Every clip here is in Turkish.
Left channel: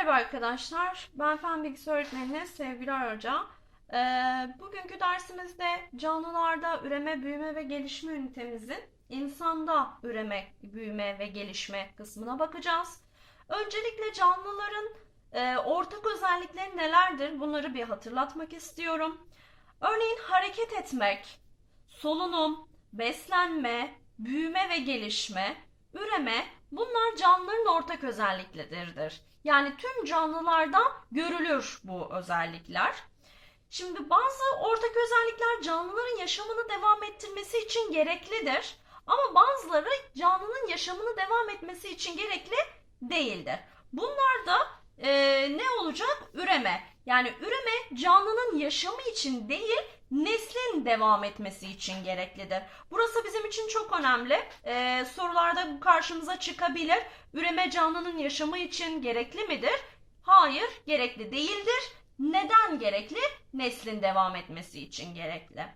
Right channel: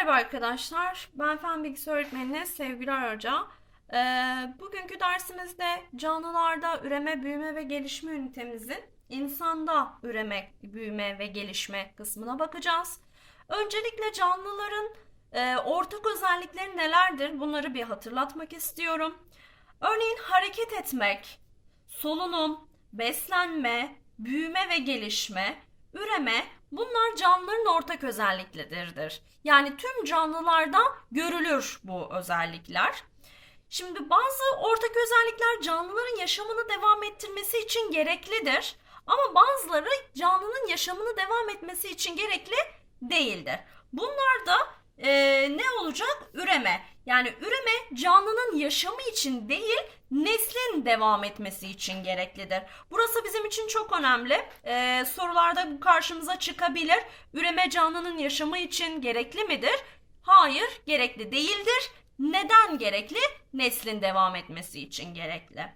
Merhaba arkadaşlar, ben Fen Bilgisi Öğretmeni Sevgili Hoca. Ee, bugünkü dersimizde canlılarda üreme, büyüme ve gelişme ünitemizin insanda üreme, büyüme ve gelişme kısmına bakacağız. Öncelikle canlıların e, ortak özellikleri nelerdir? Bunları bir hatırlatmak istiyorum. Örneğin hareket etmek, solunum, beslenme, büyüme ve gelişme, üreme bunlar canlıların ortak özellikleridir. Yani tüm canlılarda görülür bu özellikler. Şimdi bazı ortak özellikler canlıların yaşamını devam ettirmesi için gereklidir. Ama bazıları canlının yaşamını devam etmesi için gerekli değildir. Bunlar da e, ne olacak? Üreme. Yani üreme canlının yaşamı için değil, neslin devam etmesi için gereklidir. Burası bizim için çok önemli. Ee, sorularda bu karşımıza çıkabilir. Üreme canlının yaşamı için gerekli midir? Hayır, gerekli değildir. Neden gerekli? Neslin devam etmesi için gerekli.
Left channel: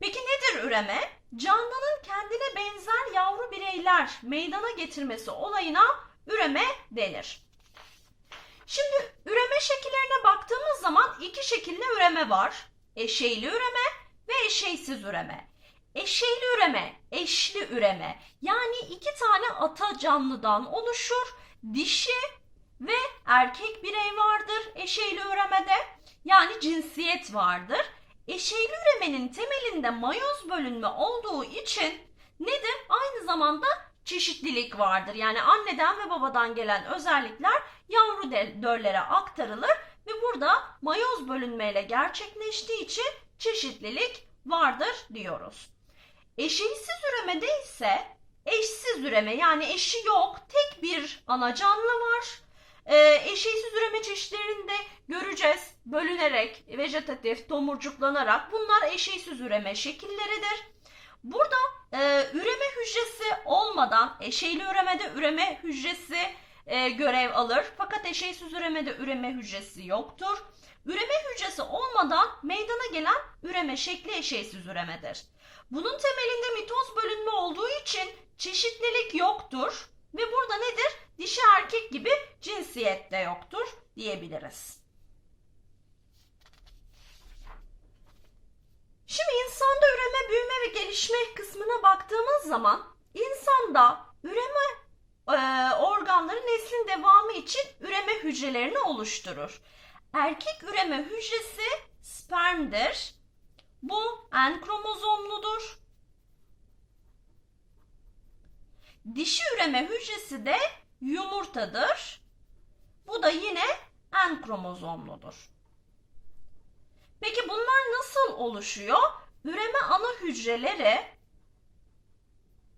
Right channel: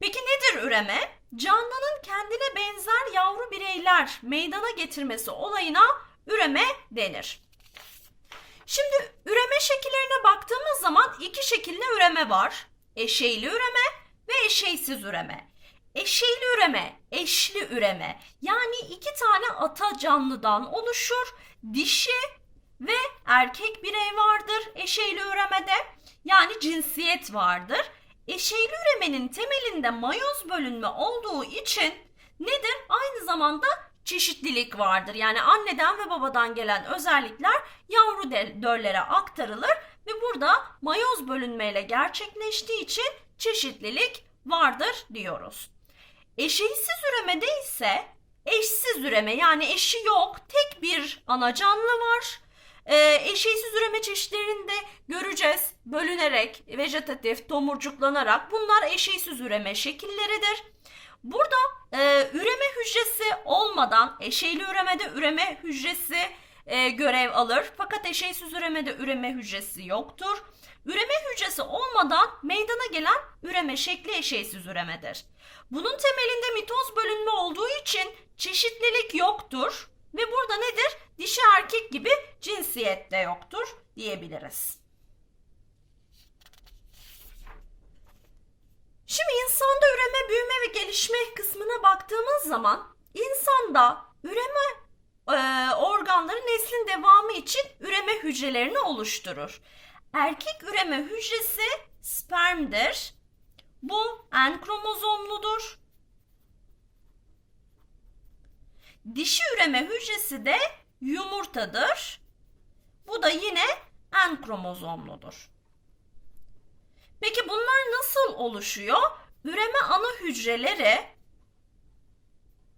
Peki nedir üreme? Canlının kendine benzer yavru bireyler meydana getirmesi olayına üreme denir. Şimdi üreme şekillerine baktığımız zaman iki şekilde üreme var. Eşeyli üreme ve eşeysiz üreme. Eşeyli üreme, eşli üreme. Yani iki tane ata canlıdan oluşur. Dişi ve erkek birey vardır eşeyli üremede. Yani cinsiyet vardır. Eşeyli üremenin temelinde mayoz bölünme olduğu için nedir? Aynı zamanda çeşitlilik vardır. Yani anneden ve babadan gelen özellikler yavru döllere aktarılır ve burada mayoz bölünmeyle gerçekleştiği için çeşitlilik vardır diyoruz. Eşeğsiz üremede ise eşsiz üreme yani eşi yok tek bir ana canlı var. Ee, eşeğsiz üreme çeşitlerinde göreceğiz bölünerek, vejetatif, tomurcuklanarak bunlar eşeğsiz üreme şekilleridir. Burada e, üreme hücresi olmadan eşeyli üremede üreme hücresi e, görev alır. Fakat eşeysiz üremede üreme hücresi yoktur. Üreme hücresi olmadan meydana gelen üreme şekli eşeysiz üremedir. Bunun temelinde mitoz bölünme olduğu için çeşitlilik yoktur ve burada nedir? Dişi erkek gibi cinsiyet de yoktur diyebiliriz. Şimdi insanda üreme, büyüme ve gelişme kısmına baktığımız zaman insanda üreme e, organları neslin devamı için üreme hücrelerini oluşturur. Erkek üreme hücresi spermdir. Bu N kromozomludur. Dişi üreme hücresi de yumurtadır. Bu da yine N kromozomludur. Peki bunlar nasıl oluşuyor? Üreme ana hücreleri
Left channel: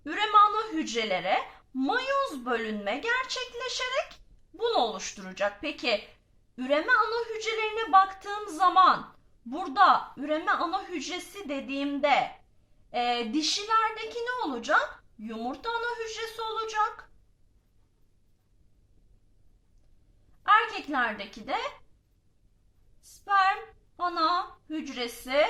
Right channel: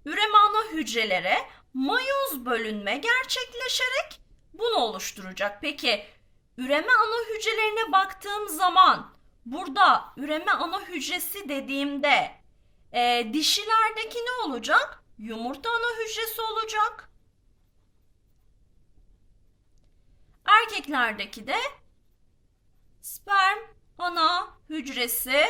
üreme ana hücrelere mayoz bölünme gerçekleşerek bunu oluşturacak. Peki üreme ana hücrelerine baktığım zaman burada üreme ana hücresi dediğimde e, dişilerdeki ne olacak? Yumurta ana hücresi olacak. Erkeklerdeki de sperm ana hücresi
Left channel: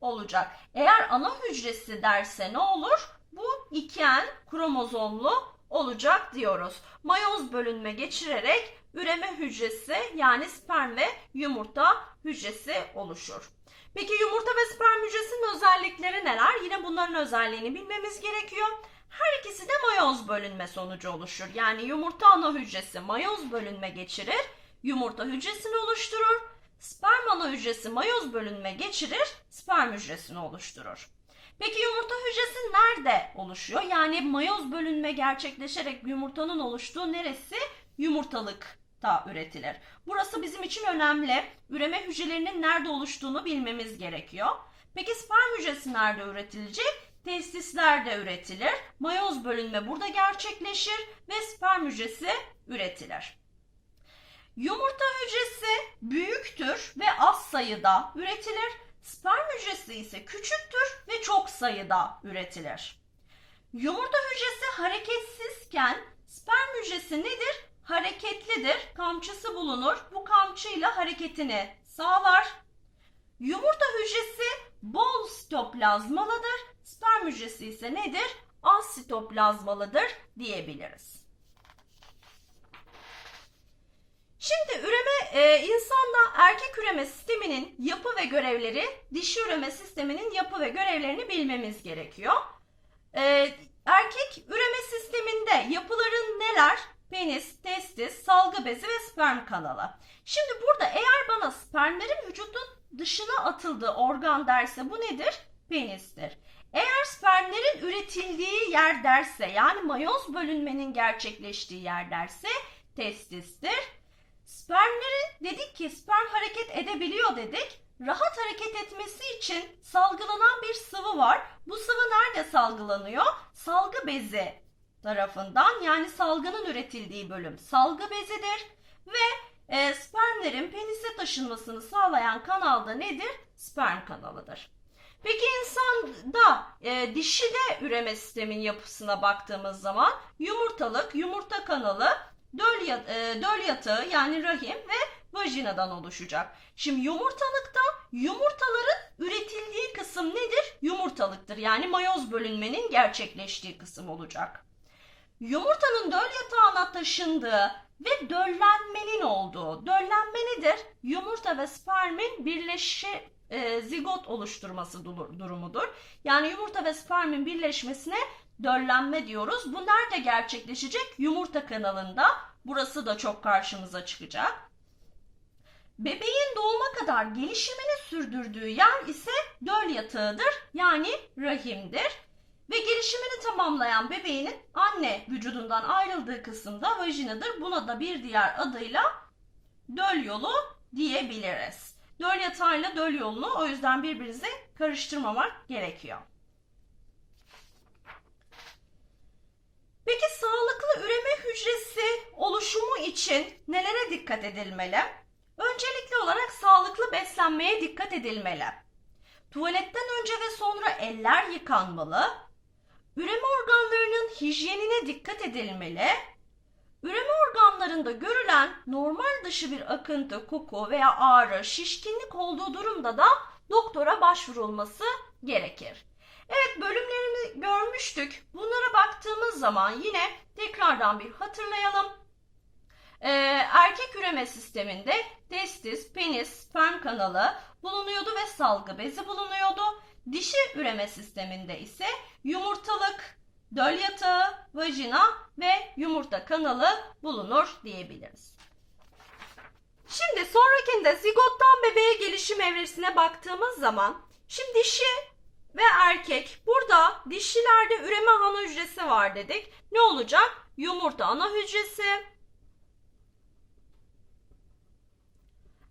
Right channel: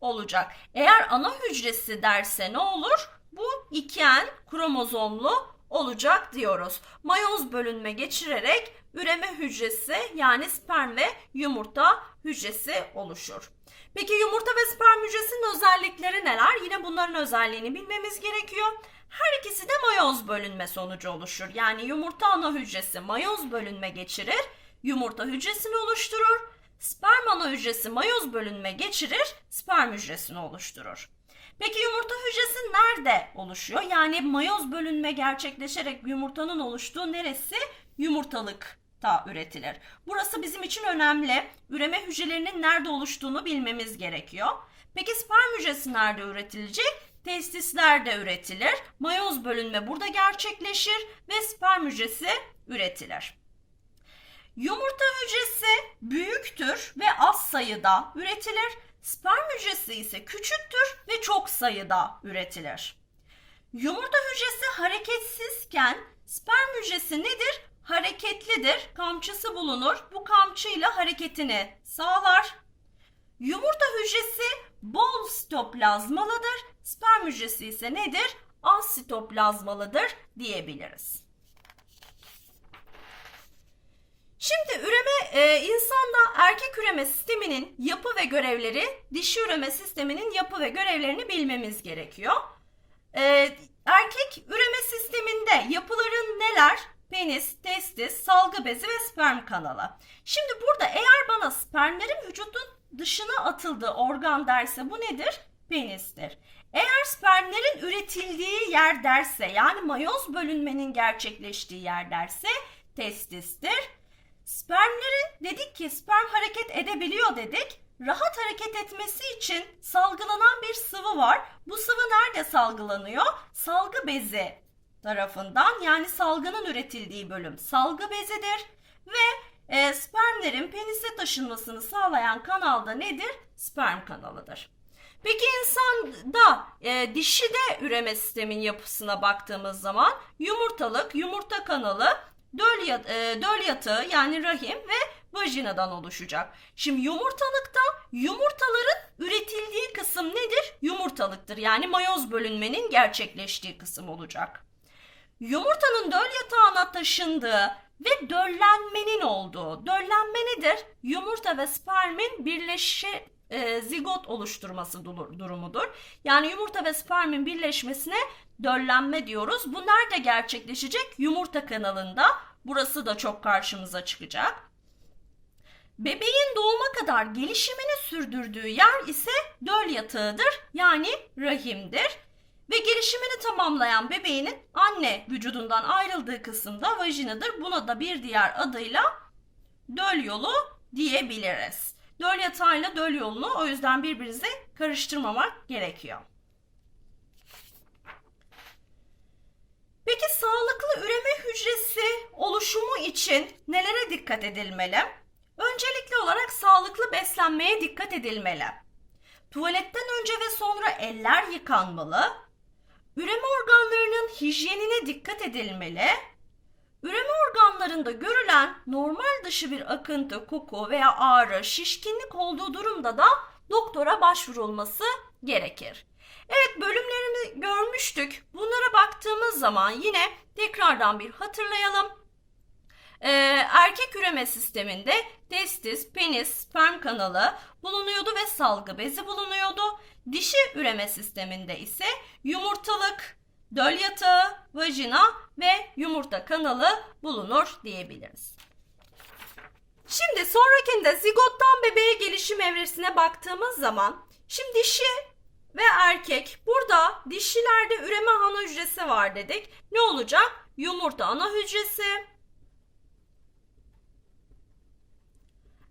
olacak. Eğer ana hücresi derse ne olur? Bu 2N kromozomlu olacak diyoruz. Mayoz bölünme geçirerek üreme hücresi yani sperm ve yumurta hücresi oluşur. Peki yumurta ve sperm hücresinin özellikleri neler? Yine bunların özelliğini bilmemiz gerekiyor. Her ikisi de mayoz bölünme sonucu oluşur. Yani yumurta ana hücresi mayoz bölünme geçirir, yumurta hücresini oluşturur. Sperm ana hücresi mayoz bölünme geçirir, sperm hücresini oluşturur. Peki yumurta hücresi nerede oluşuyor? Yani mayoz bölünme gerçekleşerek yumurtanın oluştuğu neresi? Yumurtalıkta üretilir. Burası bizim için önemli. Üreme hücrelerinin nerede oluştuğunu bilmemiz gerekiyor. Peki sperm hücresi nerede üretilecek? Testislerde üretilir. Mayoz bölünme burada gerçekleşir ve sperm hücresi üretilir. Yumurta hücresi büyüktür ve az sayıda üretilir. Sperm hücresi ise küçüktür ve çok sayıda üretilir. Yumurta hücresi hareketsizken sperm hücresi nedir? Hareketlidir. Kamçısı bulunur. Bu kamçıyla hareketini sağlar. Yumurta hücresi bol sitoplazmalıdır. Sperm hücresi ise nedir? Az sitoplazmalıdır diyebiliriz. Şimdi üreme e, insanda erkek üreme sisteminin yapı ve görevleri, dişi üreme sisteminin yapı ve görevlerini bilmemiz gerekiyor. E, erkek üreme sisteminde yapıların neler? Penis, testis, salgı bezi ve sperm kanalı. Şimdi burada eğer bana spermlerin vücudun dışına atıldığı organ derse bu nedir? Penistir. Eğer spermlerin üretildiği yer derse yani mayoz bölünmenin gerçekleştiği yer derse testistir. Spermlerin dedik ki sperm hareket edebiliyor dedik. Rahat hareket etmesi için salgılanan bir sıvı var. Bu sıvı nerede salgılanıyor? Salgı bezi tarafından yani salgının üretildiği bölüm salgı bezidir ve e, spermlerin penise taşınmasını sağlayan kanalda nedir? Sperm kanalıdır. Peki insanda e, dişide üreme sistemin yapısına baktığımız zaman yumurtalık, yumurta kanalı, döl, ya- e, döl yatağı yani rahim ve vajinadan oluşacak. Şimdi yumurtalıkta yumurtaların üretildiği kısım nedir? Yumurtalıktır. Yani mayoz bölünmenin gerçekleştiği kısım olacak. Yumurtanın döl yatağına taşındığı ve döllenmenin olduğu. Döllenme nedir? Yumurta ve spermin birleşe e, zigot oluşturması dur- durumudur. Yani yumurta ve spermin birleşmesine döllenme diyoruz. Bu nerede gerçekleşecek? Yumurta kanalında. Burası da çok karşımıza çıkacak. Bebeğin doğuma kadar gelişimini sürdürdüğü yer ise döl yatağıdır. Yani rahimdir. Ve gelişimini tamamlayan bebeğinin anne vücudundan ayrıldığı kısımda vajinadır. Buna da bir diğer adıyla döl yolu diyebiliriz. Döl yatağıyla döl yolunu o yüzden birbirinize karıştırmamak gerekiyor. Peki sağlıklı üreme hücresi oluşumu için nelere dikkat edilmeli? Öncelikli olarak sağlıklı beslenmeye dikkat edilmeli. Tuvaletten önce ve sonra eller yıkanmalı. Üreme organlarının hijyenine dikkat edilmeli. Üreme organlarında görülen normal dışı bir akıntı, koku veya ağrı, şişkinlik olduğu durumda da doktora başvurulması gerekir. Evet bölümlerimi görmüştük. Bunlara baktığımız zaman yine tekrardan bir hatırlayalım. Ee, erkek üreme sisteminde testis, penis, sperm kanalı bulunuyordu ve salgı bezi bulunuyordu. Dişi üreme sisteminde ise yumurtalık, döl yatağı, vajina ve yumurta kanalı bulunur diyebiliriz. Şimdi sonrakinde zigottan bebeğe gelişim evresine baktığımız zaman şimdi dişi ve erkek burada dişilerde üreme ana hücresi var dedik. Ne olacak? Yumurta ana hücresi.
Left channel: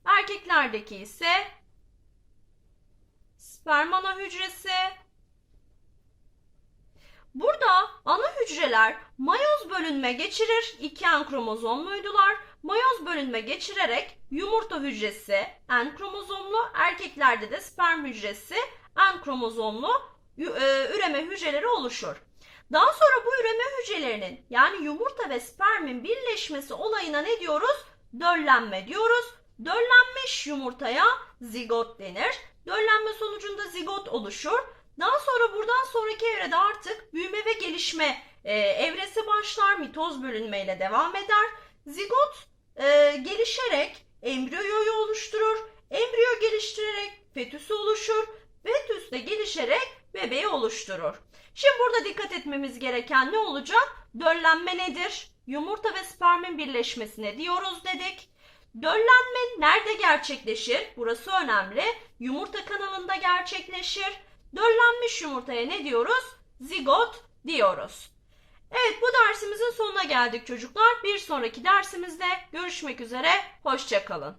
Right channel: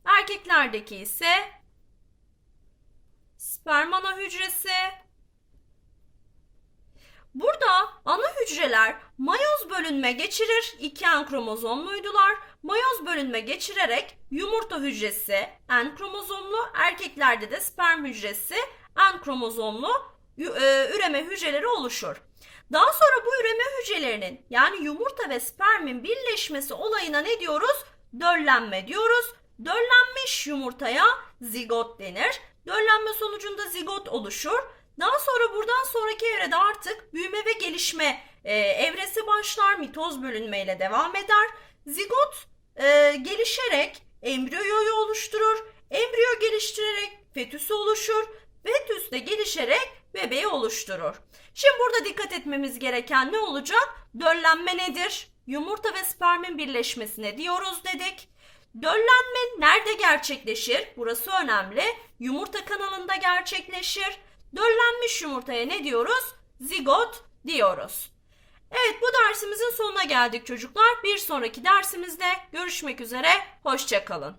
Erkeklerdeki ise sperm ana hücresi. Burada ana hücreler mayoz bölünme geçirir. İki en kromozomluydular. Mayoz bölünme geçirerek yumurta hücresi en kromozomlu, erkeklerde de sperm hücresi en kromozomlu e, üreme hücreleri oluşur. Daha sonra bu üreme hücrelerinin yani yumurta ve spermin birleşmesi olayına ne diyoruz? Döllenme diyoruz. Döllenmiş yumurtaya zigot denir. Döllenme sonucunda zigot oluşur. Daha sonra buradan sonraki evrede artık büyüme ve gelişme e, evresi başlar. Mitoz bölünmeyle devam eder. Zigot e, gelişerek embriyoyu oluşturur. Embriyo geliştirerek fetüsü oluşur. Fetüs de gelişerek bebeği oluşturur. Şimdi burada dikkat etmemiz gereken ne olacak? Döllenme nedir? Yumurta ve spermin birleşmesine diyoruz dedik. Döllenme nerede gerçekleşir? Burası önemli. Yumurta kanalında gerçekleşir. Döllenmiş yumurtaya ne diyoruz? Zigot diyoruz. Evet bu dersimizin sonuna geldik çocuklar. Bir sonraki dersimizde görüşmek üzere. Hoşçakalın.